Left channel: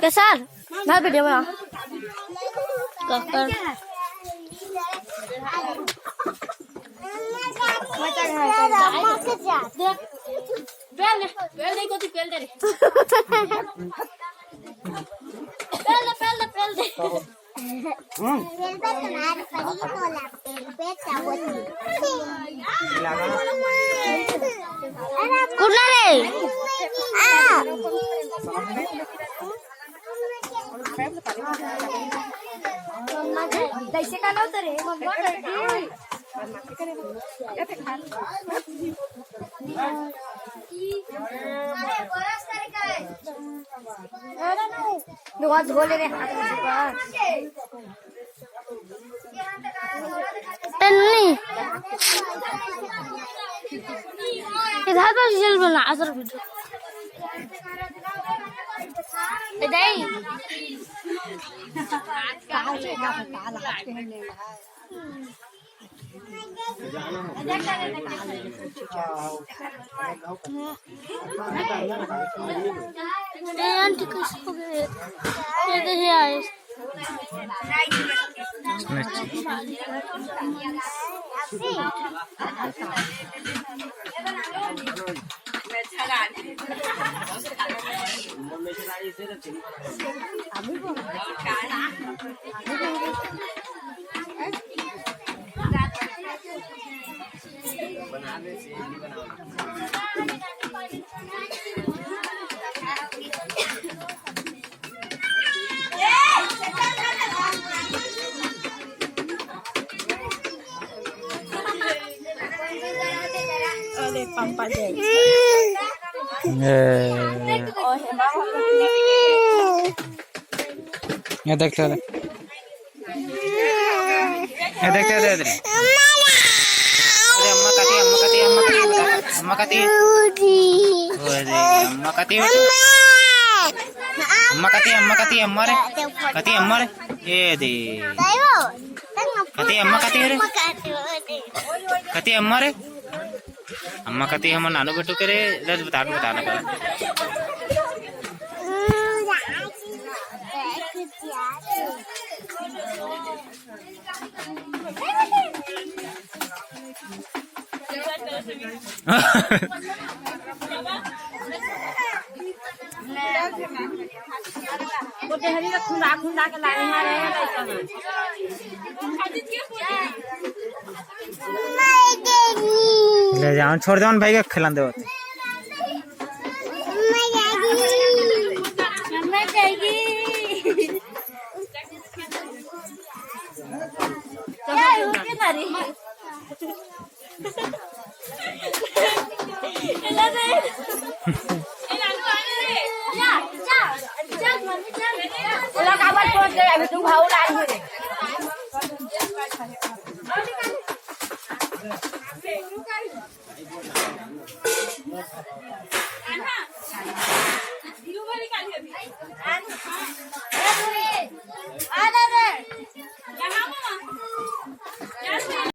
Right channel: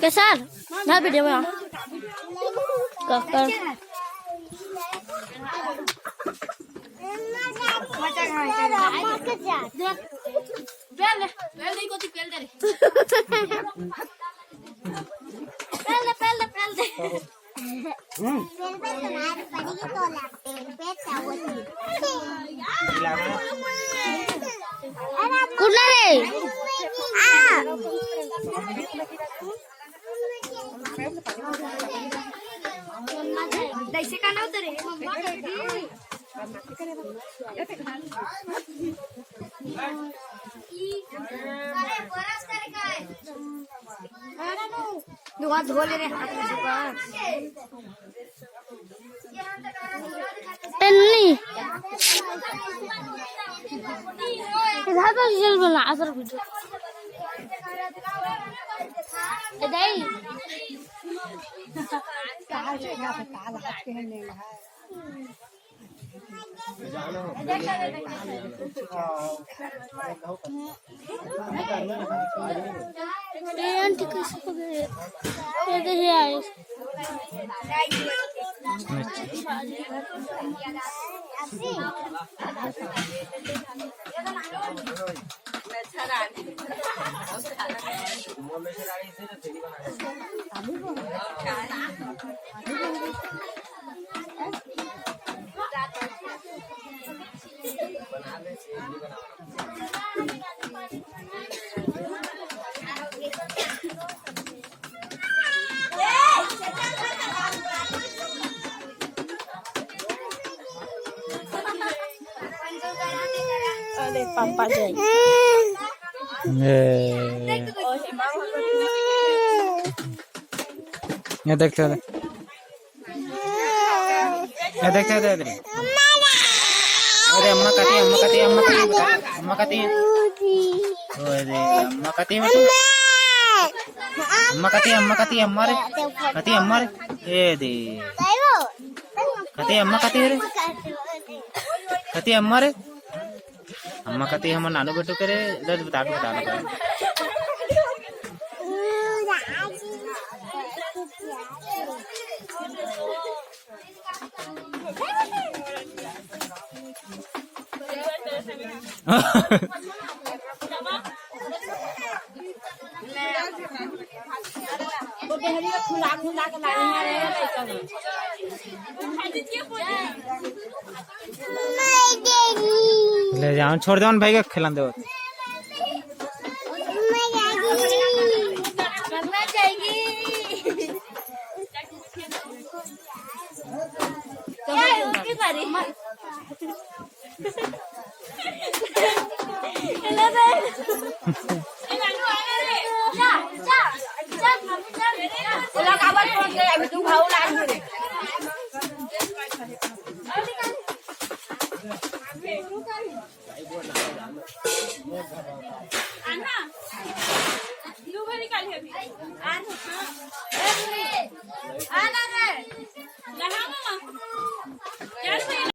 कैसा मैं वीडियो में कर कुठला रे का नव्हतं रे धोले रे इधर पर जल बना असर वीडियो दाई ये देखते हैं ये देखते हैं अरे अम्मा काती अम्मा काती अम्मा काती अम्मा काती अरे अम्मा काती अम्मा काती अम्मा काती अम्मा रे काती अम्मा रे ये दे काती अम्मा काती रे काती अम्मा रे अम्मा काती हम नानू बेटू करे दस बताना का खुंदा के लानी है ले जाओ छोड़ दो भाई के खिला दो अभी तुम भाव